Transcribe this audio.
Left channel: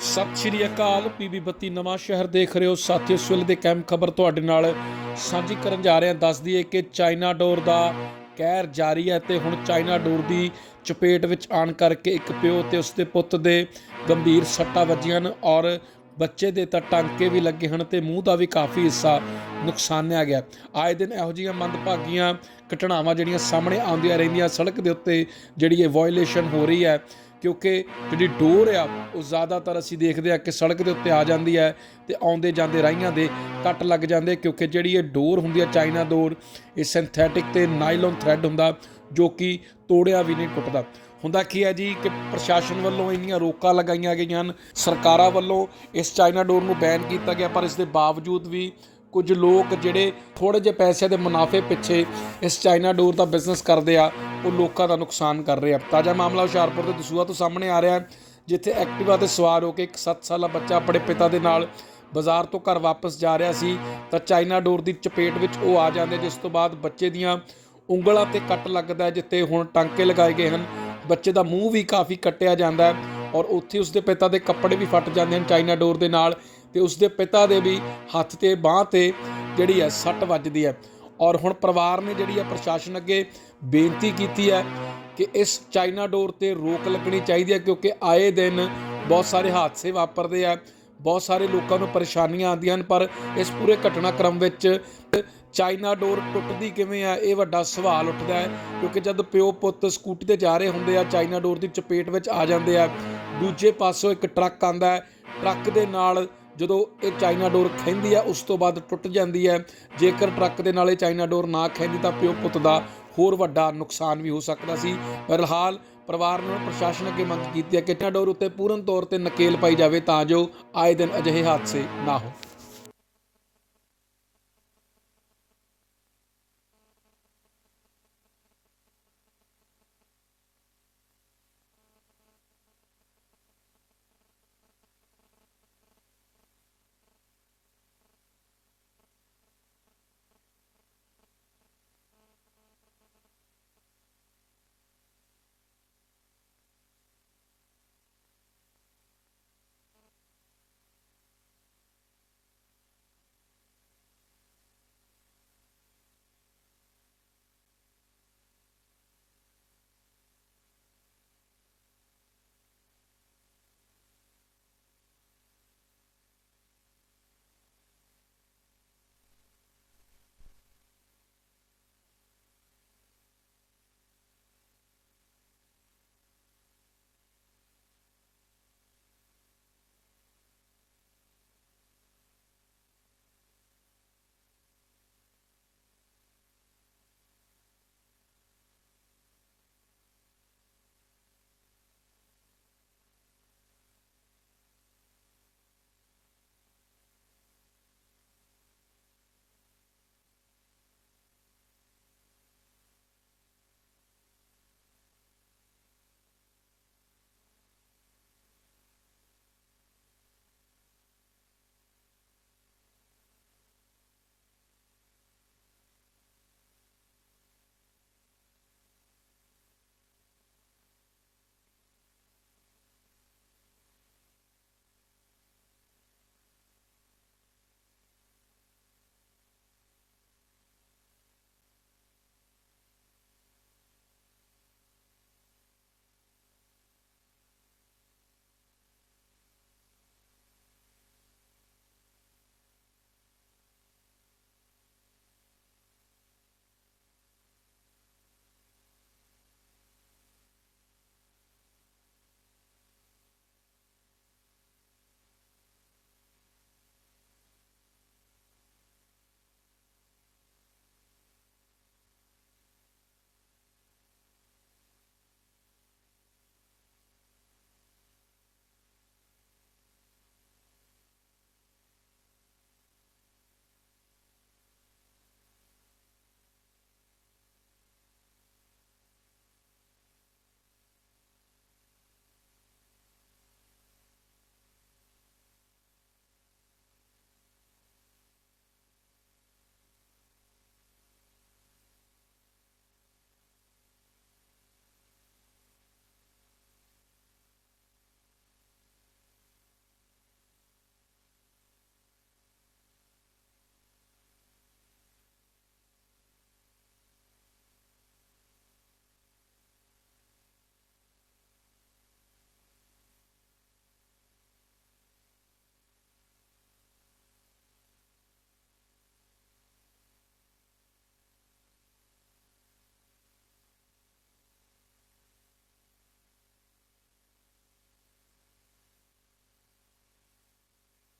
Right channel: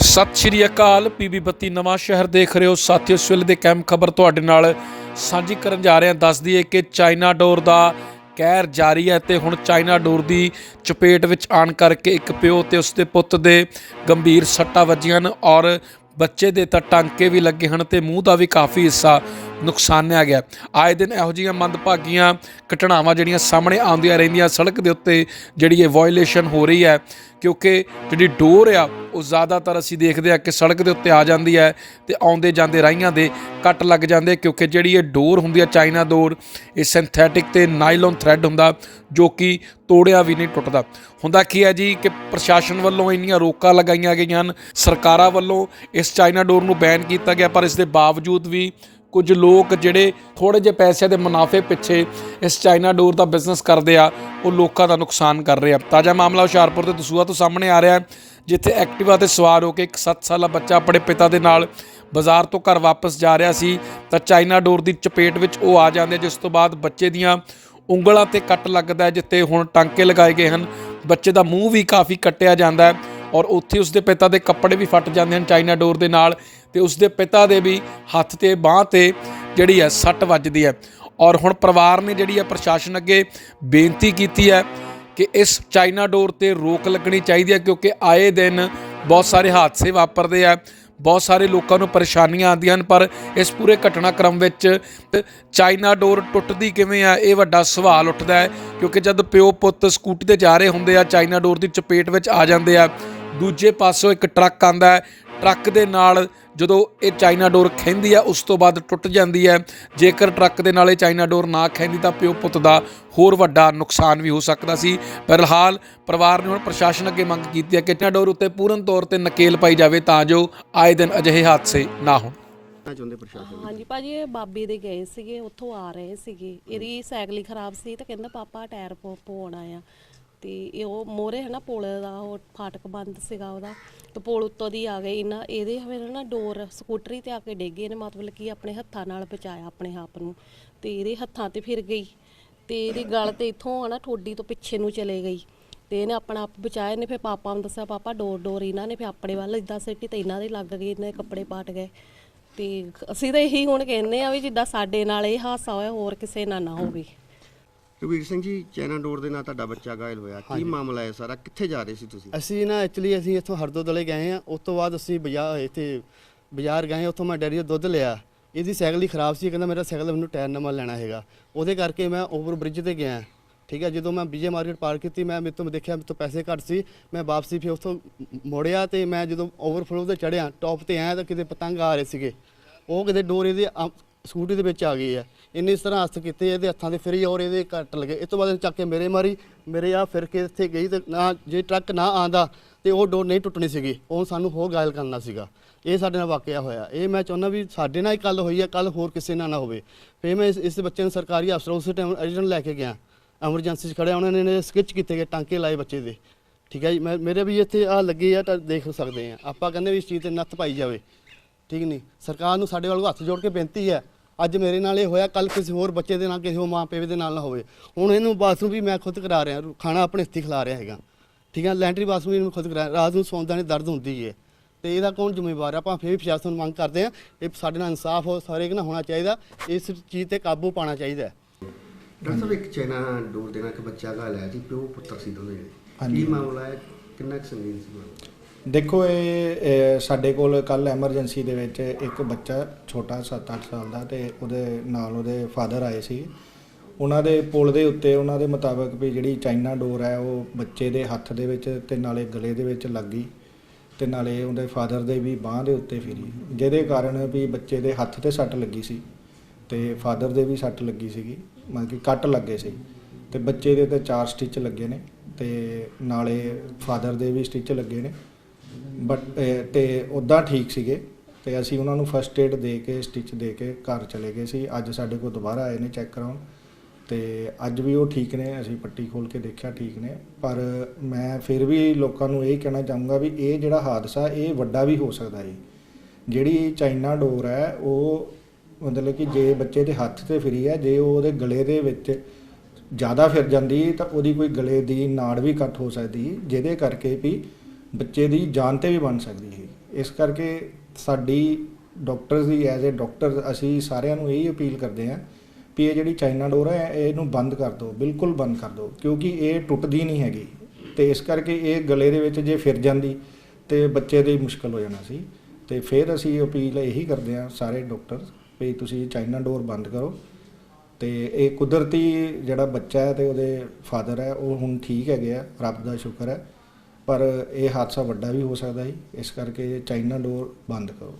ਸਤਿ ਸ਼੍ਰੀ ਅਕਾਲ, ਪੀਬੀ ਬੱਤੀ ਨਵਾਂ ਸ਼ਹਿਰ ਦੇਖ ਰਹੇ ਹੋ। ਸਾਥੀਓ, ਇਸ ਵੇਲੇ ਦੇ ਕੈਮ ਖਬਰ ਤੁਹਾਡੇ ਨਾਲ ਸਾਂਝੀ ਕਰਨ ਜਾ ਰਹੇ ਹਾਂ। ਦੱਸ ਦਈਏ ਕਿ ਚਾਈਨਾ ਡੋਰ ਦਾ ਕਹਿਰ ਜਾਰੀ ਹੈ ਤੇ ਹੁਣ ਚਾਈਨਾ ਡੋਰ ਦੀ ਚਪੇਟ ਵਿੱਚ ਆਣ ਕਰਕੇ ਇੱਕ ਪਿਓ ਤੇ ਉਸਦੇ ਪੁੱਤ ਦੇ ਗੰਭੀਰ ਸੱਟਾਂ ਵੱਜੀਆਂ ਹਨ ਔਰ ਬੱਚੇ ਦੇ ਤਾਂ ਟਾਂਕੇ ਵੀ ਲੱਗੇ ਹਨ ਤੇ ਮੂੰਹ ਦਾ ਵੀ ਕਾਫੀ ਹਿੱਸਾ ਨੁਕਸਾਨਿਆ ਗਿਆ। ਆਏ ਦਿਨ ਇਹੋ ਜਿਹੀਆਂ ਮੰਦਭਾਗੀਆਂ ਘਟਨਾਵਾਂ ਜਿਹੜੀਆਂ ਸਾਹਮਣੇ ਆਉਂਦੀਆਂ ਰਹਿੰਦੀਆਂ ਸੜਕ ਦੇ ਉੱਤੇ ਜਿਹੜੀ ਇਹ ਵਾਇਓਲੇਸ਼ਨ ਹੋ ਰਹੀ ਹੈ, ਕਿਉਂਕਿ ਜਿਹੜੀ ਡੋਰ ਆ, ਉਹ ਜ਼ਿਆਦਾਤਰ ਅਸੀਂ ਦੇਖਦੇ ਆ ਕਿ ਸੜਕ ਦੇ ਉੱਤੇ ਆ ਜਾਂਦੀ ਹੈ ਤੇ ਆਉਂਦੇ ਜਾਂਦੇ ਰਾਹੀਆਂ ਦੇ ਕੱਟ ਲੱਗ ਜਾਂਦੇ, ਕਿਉਂਕਿ ਜਿਹੜੀ ਇਹ ਡੋਰ ਹੁੰਦੀ ਆ ਚਾਈਨਾ ਡੋਰ, ਇਹ ਸਿੰਥੈਟਿਕ ਤੇ ਨਾਈਲਨ ਥ੍ਰੈਡ ਹੁੰਦਾ, ਜੋ ਕਿ ਤੋੜਿਆ ਵੀ ਨਹੀਂ ਟੁੱਟਦਾ। ਹੁੰਦਾ ਕੀ ਹੈ ਜੀ ਕਿ ਪ੍ਰਸ਼ਾਸਨ ਵੱਲੋਂ ਇੰਨੀਆਂ ਰੋਕਾਂ ਲਗਾਈਆਂ ਗਈਆਂ ਹਨ, ਸਰਕਾਰਾਂ ਵੱਲੋਂ ਇਸ ਚਾਈਨਾ ਡੋਰ ਨੂੰ ਬੈਨ ਕੀਤਾ ਗਿਆ, ਪਰ ਇਸ ਦੇ ਬਾਵਜੂਦ ਵੀ ਕੁਝ ਲੋਕ ਜਿਹੜੇ ਥੋੜੇ ਜਿਹੇ ਪੈਸਿਆਂ ਦੇ ਮੁਨਾਫੇ ਪਿੱਛੇ ਇਸ ਚਾਈਨਾ ਡੋਰ ਦਾ ਬਿਜ਼ਨਸ ਕਰਦੇ ਆ, ਉਹ ਲੋਕਾਂ ਦਾ ਨੁਕਸਾਨ ਕਰ ਰਹੇ ਆ। ਤਾਜ਼ਾ ਮਾਮਲਾ ਹੁਸ਼ਿਆਰਪੁਰ ਦੇ ਦਸੂਹਾ ਤੋਂ ਸਾਹਮਣੇ ਆ ਰਿਹਾ ਹੈ, ਜਿੱਥੇ ਐਕਟਿਵਾ ਤੇ ਸਵਾਰ ਹੋ ਕੇ ਇੱਕ 7 ਸਾਲਾ ਬੱਚਾ ਆਪਣੇ ਪਿਤਾ ਦੇ ਨਾਲ ਬਾਜ਼ਾਰ ਤੋਂ ਘਰ ਵਾਪਸ ਜਾ ਰਿਹਾ ਸੀ, ਤਾਂ ਚਾਈਨਾ ਡੋਰ ਦੀ ਚਪੇਟ ਵਿੱਚ ਉਹ ਆ ਜਾਂਦੇ ਜਿਸ ਤੋਂ ਬਾਅਦ ਬੱਚੇ ਦੀਆਂ ਉਂਗਲਾਂ ਤੇ ਕੱਟ ਲੱਗਦਾ ਹੈ ਜਿੱਤੇ ਹੁਣ ਟਾਂਕੇ ਲਗਾਏ ਗਏ ਹਨ। ਬੱਚੇ ਦਾ ਮੂੰਹ ਵੀ ਕਾਫੀ ਕੱਟਿਆ ਜਾਂਦਾ ਹੈ। ਔਰ ਉੱਥੇ ਉਸਦੇ ਪਿਤਾ ਦੇ ਕੱਪੜੇ ਵੀ ਫਟ ਜਾਂਦੇ ਹਨ ਚਾਈਨਾ ਡੋਰ ਦੇ ਨਾਲ ਤੇ ਉਸਦੇ ਪਿਤਾ ਦੇ ਵੀ ਹੱਥ ਤੇ, ਬਾਹ ਤੇ ਜਿਹੜੀ ਹੈ ਸੱਟ ਵੱਜਦੀ ਹੈ। ਔਰ ਹੁਣ ਪਰਿਵਾਰ ਨੇ ਜਿਹੜੀ ਹੈ ਪ੍ਰਸ਼ਾਸਨ ਅੱਗੇ ਬੇਨਤੀ ਕੀਤੀ ਹੈ ਕਿ ਇਸ ਚਾਈਨਾ ਡੋਰ ਤੇ ਰੋਕ ਲੱਗਣੀ ਚਾਹੀਦੀ ਹੈ ਕਿਉਂਕਿ ਆਏ ਦਿਨ ਬਹੁਤ ਸਾਰੇ ਹਾਦਸੇ ਵਾਪਰਦੇ ਆ, ਬਹੁਤ ਸਾਰੇ ਲੋਕਾਂ ਨੂੰ ਪਰੇਸ਼ਾਨੀਆਂ ਆਉਂਦੀਆਂ ਹਨ, ਪਰ ਇਸ ਪੂਰੇ ਘਟਨਾਕ੍ਰਮ ਵਿੱਚ ਚਾਈਨਾ ਡੋਰ ਟੁੱਟਦੀ ਕਿਵੇਂ ਆ, ਇਹ ਵੱਡਾ ਸਵਾਲ ਉੱਠਦਾ ਹੈ ਕਿਉਂਕਿ ਜਦ ਪਿਓ ਪੁੱਤ ਸਕੂਟੀ ਤੇ ਜਾ ਰਹੇ ਹੁੰਦੇ ਆ, ਚਾਈਨਾ ਡੋਰ ਦੀ ਚਪੇਟ ਵਿੱਚ ਆ ਜਾਂਦੇ ਆ ਦੂਜੇ ਪਾਸੋਂ ਇੱਕ ਟਰੱਕ ਆਂਦਾ ਹੈ। ਟਰੱਕ ਦੇ ਨਾਲ ਜਦੋਂ ਇਹ ਚਾਈਨਾ ਡੋਰ ਖੈਂਦੀ ਆ ਉਸ ਤੋਂ ਬਾਅਦ ਟੁੱਟ ਜਾਂਦੀ ਹੈ। ਜੇਕਰ ਟਰੱਕ ਦੇ ਨਾਲ ਇਹ ਚਾਈਨਾ ਡੋਰ ਨਾ ਖੈਂਦੀ ਤਾਂ ਪਿਓ ਪੁੱਤ ਦਾ ਹੋਰ ਵੱਡਾ ਨੁਕਸਾਨ ਵੀ ਹੋ ਸਕਦਾ ਸੀ। ਫਿਲਹਾਲ ਪਰਿਵਾਰ ਨੇ ਹੁਣ ਪ੍ਰਸ਼ਾਸਨ ਅੱਗੇ ਮੰਗ ਕੀਤੀ ਹੈ ਕਿ ਚਾਈਨਾ ਡੋਰ ਉੱਤੇ ਪੂਰਨ ਤੌਰ ਤੇ ਨਕੇਲ ਪਾਈ ਜਾਵੇ ਤਾਂ ਜੋ ਆਏ ਦਿਨ ਅਜਿਹੇ ਹਾਦਸੇ ਨਾ ਹੋਣ। ਕਰਨਾ ਚਾਹੁੰਦੇ ਪ੍ਰਸ਼ਾਸਨ ਹਾਂਜੀ ਭਾਜੀ ਇਹ ਬਾਬੇ ਦੇ ਗਏ ਸੀਗੇ ਉੱਥੋਂ ਆ ਰਹੇ ਸੀਗੇ। ਇਹਦੀ ਸਾਈਕਲ ਹੀ ਖਰਾਬ ਸੀ ਤੇ ਕਹਿੰਦਾ ਪਾਪਾ ਟਾਇਰ ਪਵਾਉਣਾ ਆ ਤੇ ਇਹ ਉਹ ਮੋਰੇ ਹਨਾ ਪੁਲ ਦਾ, ਉਹ ਫਾਟਕ ਬੰਦ ਸੀਗਾ ਉਹਦਾ, ਤੇ ਪੁਲ ਉੱਤੋਂ ਦੀ ਆ ਗਏ ਇਹਨਾਂ ਇਹਦੇ ਫਿਰ ਨਾ ਡੋਰ, ਸਕੂਟਰੀ ਤੇ ਆ ਕੇ ਡਿੱਗੇ ਨੇ, ਮਤਲਬ ਕਿ ਆਪਣੇ ਹੱਥਾਂ ਨਾਲ ਬਚਾਇਆ ਆਪਣੇ ਆਪ ਨੂੰ, ਤੇ ਇਹਦੇ ਹੱਥਾਂ ਤੇ ਫਿਰ ਗਈ, ਤੇ ਇਹਦੀ ਗਲ ਤੇ ਇੱਥੋਂ ਆ ਠੋਡੀ ਤੋਂ ਪਿੱਛੇ ਨੂੰ ਚਲੇ ਗਈ, ਤੇ ਇਹਨੇ ਆਪਣਾ ਆਪ ਬਚਾਇਆ ਨੇ ਫਿਰ ਪਾਪਾ ਨੂੰ ਦੱਸਿਆ, ਪਾਪਾ, ਡੋਰ ਡੋਰ ਇਹਨਾਂ ਨੇ ਫਿਰ ਆਪਣੇ ਵੱਲ ਇਦਾਂ ਸਿੱਟੀ ਤੇ ਇਹਨਾਂ ਦੇ ਲੱਗ ਗਏ, ਇਹਨਾਂ ਦੇ ਕੱਪੜੇ ਪਾਟ ਗਏ, ਤੇ ਅਸੀਂ ਤਾਂ ਇਹੀ ਹੁਣ ਕਹਿੰਦੇ ਆ ਵੀ ਜਿੱਦਾਂ ਸਾਡੇ ਨਾਲ ਇਹ ਹਾਦਸਾ ਹੋਇਆ, ਹੋਰ ਕਿਸੇ ਨਾਲ ਨਾ ਹੋਵੇ। ਰਵੀਰ ਸਿੰਘ ਜੀ ਚਾਈਨਾ ਡੋਰ ਦੇ ਨਾਲ ਤੁਹਾਡਾ ਬੱਚਾ ਘਾਇਲ ਹੋਇਆ। ਕੀ ਮਾਮਲਾ ਹੈ ਸਾਰਾ? ਕਿੱਥੇ ਜਾ ਰਹੇ ਸੀ ਤੁਸੀਂ? ਅਸੀਂ ਨਾ ਐਕਚੁਅਲੀ ਅਸੀਂ ਇੱਥੋਂ ਹਰਦੋਦਲੇ ਗਏ ਆ ਉਸ ਤੋਂ ਬਾਅਦ ਅਸੀਂ ਬਾਜ਼ਾਰ ਇੱਥੇ ਬਾਜ਼ਾਰ ਗਏ ਉੱਥੋਂ ਮੈਂ ਡੈਰੀ ਤੋਂ ਦੁੱਧ ਲਿਆ। ਇਹਦੀ ਸਾਈਕਲ ਹੀ ਖਰਾਬ ਸੀ। ਕਹਿੰਦਾ ਮੇਰਾ ਸਾਈਕਲ ਮੈਨੂੰ ਟਾਇਰ ਨਵਾਂ ਲੈਣਾ ਹੈਗਾ। ਉਹਦੇ ਕਰਕੇ ਮੈਂ ਓਵਰ ਬ੍ਰਿਜ ਤੇ ਗਿਆ। ਠੀਕ ਹੈ ਜਦੋਂ ਮੈਂ ਵਿਜੇ ਮਾਰਕੀਟ ਪਾਰ ਕੀਤੀ ਮੈਂ ਮੇਰੇ ਤੋਂ ਦੇਖਿਆ ਮੇਰੇ ਤੋਂ ਪੈਸੇ ਘੱਟ ਸੀ। ਮੈਂ ਵਾਪਸੀ ਫਿਰ ਉੱਥੋਂ ਮੋੜਿਆ ਤੇ ਮੈਂ ਜਦੋਂ ਓਵਰਫਲੋ ਤੇ ਚੜਿਆ ਟੌਪ ਤੇ ਆਇਆ ਤਾਂ ਕਿਤੇ ਪਤੰਗ ਆ ਰਹੇ ਸੀਗੇ। ਉਹ ਕਿਤੇ ਡੋਰ ਇਹਦੇ ਆ- ਸਕੂਟੀ ਦੇ ਵਿੱਚ ਆ ਗਈ ਹੈ। ਇੰਨੇ ਇਸ ਤਰ੍ਹਾਂ ਹੱਥ ਕੀਤੇ ਇਹਦੇ ਹੱਥਾਂ ਦੇ ਫਰੀ ਔਰ ਇਹਦੇ ਕੱਟ ਲਗੇ। ਇਸ ਤੋਂ ਬਾਅਦ ਇਹਨੇ ਚੱਕ ਕੇ ਮੇਰੇ ਮਾਰੀ ਮੇਰੇ ਆ ਫਿਰ ਕੇ ਇੱਥੇ ਗਈ ਤੇ ਨਾ ਜੇ ਟਰੱਕ ਨਾ ਆਂਦਾ ਤੇ ਉਹ ਡੋਰ ਨਹੀਂ ਟੁੱਟਣੀ ਸੀਗੀ। ਉਹ ਸਾਨੂੰ ਹੋਰ ਗਾਇਲ ਕਰਨਾ ਸੀਗਾ। ਇਹ ਸਾਡੇ ਨਾਲ ਵਾਕਿਆ ਹੋਇਆ। ਇਹ ਮੈਂ ਚਾਹੁੰਦਾ ਵੀ ਸਾਡੇ ਨਾਲ ਹੀ ਕੱਲ ਹੋਈ ਹੈ ਕੱਲ ਹੋਰ ਕਿਸੇ ਨਾਲ ਨਾ ਹੋਵੇ। ਫਿਰ ਮੈਂ ਇਸ, ਇਸ ਬੱਚੇ ਨੂੰ ਸਰਕਾਰੀ ਅਫਸਰ ਉਸ ਟਾਈਮ ਅਰਜੈਂਟ ਲੈ ਕੇ ਗਿਆ। ਐਮਰਜੈਂਸੀ 'ਚ ਖੜਿਆ ਉਹਨਾਂ ਨੇ ਸਕਿਚ ਕੀਤੇ ਗਏ ਟਾਂਕੇ ਲਾਏ ਬੱਚੇ ਦੇ। ਠੀਕ ਹੈ ਜੀ ਮੈਂ ਮੇਰੇ ਵੀ ਇੱਥੇ ਆ ਲੱਗੇ ਆ ਤਾਂ ਦੇਖ ਸਕਦੇ ਆ ਆਪਾਂ ਕਹਿੰਦੇ ਵੀ ਇਸ ਚੀਜ਼ ਤੇ ਨੱਥ ਪਾਈ ਜਾਵੇ। ਠੀਕ ਨਹੀਂ? ਸਰਕਾਰ ਨੂੰ ਸਾਡੇ ਵੱਲੋਂ ਹੱਥ ਜੋੜ ਕੇ ਬੇਨਤੀ ਹੈ। ਅੱਜ ਮੇਰੇ ਨਾਲ ਇਹ ਹੋਇਆ ਕੱਲ ਕਿਸੇ ਹੋਰ ਬੱਚੇ ਦੇ ਨਾਲ ਕਿਸੇ ਹੋਰ ਮਾਂ ਪਿਓ ਦੇ ਨਾਲ ਨਾ ਹੋਵੇ। ਹੁਣ ਇਹਨੂੰ ਬਾਥਰੂਮ ਵੀ ਮੈਂ ਖੁਦ ਕਰਾ ਰਿਹਾ ਖਾਣਾ ਆਪਣੇ ਹੱਥੀਂ ਖਿਲਾ ਰਿਹਾ ਹੈਗਾ। ਠੀਕ ਹੈ ਲੈਂਟਰੀ ਬਾਥਰੂਮ ਵੀ ਇਹਨੂੰ ਖੁਦ ਕਰਾ ਰਾਤ ਨੂੰ ਸੌਂਦਾ ਨਹੀਂ ਦਰਦ ਹੁੰਦੀ ਹੈ ਤੇ ਇਹਦਾ ਕੌਣ ਜ਼ਿੰਮੇਵਾਰ ਹੈ ਆਪਾਂ ਫੇਰ ਵੀ ਪ੍ਰਸ਼ਾਸਨ ਨੂੰ ਮੰਗ ਕਰਦੇ ਆ ਇਹ ਸਾਡੇ ਨਾਲ ਇਨਸਾਫ ਹੋ ਸਾਰੇ ਕਿ ਨਾ ਹੋਣਾ ਚਾਹੀਦਾ। ਇਸ ਚੀਜ਼ ਤੇ ਕਾਬੂ ਪਾਉਣਾ ਚਾਹੀਦਾ ਹੈ। ਡਾਕਟਰ ਸਾਹਿਬ ਇੱਕ ਚਾਈਨਾ ਡੋਰ ਦੇ ਨਾਲ ਇੱਕ ਬੱਚਾ ਹੋਇਆ ਜੀ ਪਿਓ ਪੁੱਤਰ ਸੀ ਦੋਨੇ ਜਣੇ। ਹਾਂਜੀ। ਕੀ ਮਾਮਲਾ ਹੈ? ਕਿੰਨਾ ਕੁ ਸੰਗੀਨ ਸੀ? ਮਾਮਲਾ ਦੇਖੋ, ਇਹ ਇਹ ਸਾਡੇ ਕੋਲ ਕੱਲ ਐਮਰਜੈਂਸੀ ਦੇ ਵਿੱਚ ਇੱਕ ਬੱਚਾ ਛੋਟਾ 7-8 ਸਾਲ ਦਾ ਤੇ ਉਹਦੇ ਨਾਲ ਉਹਦੇ ਫਾਦਰ ਆਏ ਸੀ। ਉਹਨਾਂ ਦੇ ਪੁਲ ਦੇ ਉੱਤੇ ਉਹਨਾਂ ਦੇ ਮੁਤਾਬਕ ਵੀ ਜਿਹੜੀ ਚਾਈਨਾ ਡੋਰ ਹੈ, ਉਹ ਬੱਚੇ ਦੇ ਹੱਥ ਦੇ ਵਿੱਚ ਤੇ ਨਾਲੇ ਗਲੇ ਦੇ ਵਿੱਚ ਲੱਗ ਗਈ ਤੇ ਨਾਲੇ ਉਹਦੇ ਫਾਦਰ ਦੇ ਵੀ ਬਾਹ ਦੇ ਉੱਤੇ ਫਿਰੀ। ਜਿਹਦੇ ਕਾਰਨ ਵੀ ਬੱਚੇ ਦੇ ਹੱਥ ਤੇ ਸੱਟ ਲੱਗੀ ਸੀ ਤੇ ਫਾਦਰ ਦੇ ਵੀ ਸੱਟ ਲੱਗੀ ਸੀਗੀ, ਮਤਲਬ ਕਿ ਕੱਟ ਲੱਗੇ ਸੀ। ਤੇ ਬੱਚੇ ਦੇ ਤੇ ਚਾਰ ਸਟਿਚ ਲੱਗੇ ਨੇ ਤੇ ਨਾਲੇ ਫਾਦਰ ਦੇ ਵੀ ਸਟਿਚ ਲੱਗੇ ਨੇ। ਬਟ eh, ਤੇ ਉਦਾਂ ਠੀਕ ਸੀਗੇ। ਤੇ ਅਸੀਂ ਉਹਨਾਂ ਨੂੰ ਫਰਸਟ ਏਡ ਦੇ ਕੇ ਸਟਿਚ ਦੇ ਕੇ ਘਰ ਚਲੇ ਗਏ ਸੀ। ਅੱਜ ਸਾਡੇ ਕੋਲ ਦੁਬਾਰਾ ਆਏ ਨੇ ਚੈੱਕ ਕਰਾਉਣ। ਤੇ ਅੱਜ ਵੀ ਉਹ ਠੀਕ ਨੇ, ਅਸੀਂ ਪੱਟੀ ਖੋਲ ਕੇ ਦੇਖਿਆ ਠੀਕ ਨੇ। ਪਰ ਮੈਂ ਫਿਰ ਵੀ ਲੋਕਾਂ ਨੂੰ ਇਹ ਕਹਿਣਾ ਚਾਹੂੰਗਾ ਵੀ ਇਹ ਜਿਹੜਾ ਹਾਦਸਾ, ਇਹ ਵੱਡਾ ਵੀ ਹੋ ਸਕਦਾ ਹੈ ਜਿਹੜੀ ਚਾਈਨਾ ਡੋਰ ਹੈ, ਉਹ ਮਤਲਬ ਕਿ ਜੇ ਬੱਚੇ ਦੇ ਹੱਥ ਤੇ ਫਿਰੀ ਹੈ, ਜੇ ਉਹ ਉਹਦੇ ਗਲੇ ਦੇ ਵਿੱਚ ਜ਼ਿਆਦਾ ਫਿਰ ਜਾਂਦੀ ਤਾਂ ਉਹਦੀ ਕੋਈ ਗਲੇ ਦੀ ਨਾੜ ਵੀ ਕੱਟ ਹੋ ਸਕਦੀ। ਜਿਹਦੇ ਕਰਕੇ ਵੀ ਬੱਚੇ ਦੀ ਜਾਨ ਤੇ ਵੀ ਬਣ ਸਕਦੀ ਹੈ ਇਸ ਕਰਕੇ ਸਾਡੀ ਡਾਕਟਰਸ ਦੀ ਐਜ਼ ਅ ਡਾਕਟਰ ਅਸੀਂ ਸਾਰਿਆਂ ਨੂੰ ਇਹੀ ਅਪੀਲ ਕਰਦੇ ਹਾਂ ਵੀ ਇਹ ਜਿਹੜੀ ਚਾਈਨਾ ਡੋਰ ਹੈ, ਇਹਨੂੰ ਬੰਦ ਕਰ ਦਿਓ, ਬਿਲਕੁਲ ਬੰਦ ਕਰ ਦਿਓ, ਕਿਉਂਕਿ ਇਹ ਟੁੱਟਦੀ ਨਹੀਂ ਹੈਗੀ। ਤੇ ਇਸ ਕਰਕੇ ਇਹ ਗਲੇ ਦੇ ਵਿੱਚ ਜੇ ਫਿਰ ਜਾਂਦੀ ਤੇ ਬੱਚੇ ਦੀ ਮੁਸ਼ਕਲ ਹੋ ਜਾਣਾ ਸੀ। ਤੇ ਫਿਰ ਅਸੀਂ ਅਪੀਲ ਇਹੀ ਕਰਦੇ ਹਾਂ ਸਾਰੇ ਡਾਕਟਰ ਵੀ ਤੁਸੀਂ ਚਾਈਨਾ ਡੋਰ ਬੰਦ ਕਰੋ। ਤੇ ਇਹ ਕੁਦਰਤੀ ਜਿਹੜਾ ਬੱਚਾ ਹੈ ਤੇ ਉਹਦੇ ਫਾਦਰ ਹੈ, ਉਹ ਹੁਣ ਠੀਕ ਹੈਗੇ ਆ, ਰੱਬ ਦਾ ਸ਼ੁਕਰ ਹੈ। ਪਰ ਇਹ ਹਾਦਸਾ ਵੱਡਾ ਵੀ ਹੋ ਸਕਦਾ ਸੀ ਇਸ ਕਰਕੇ ਚਾਈਨਾ ਡੋਰ ਬੰਦ ਕਰੋ।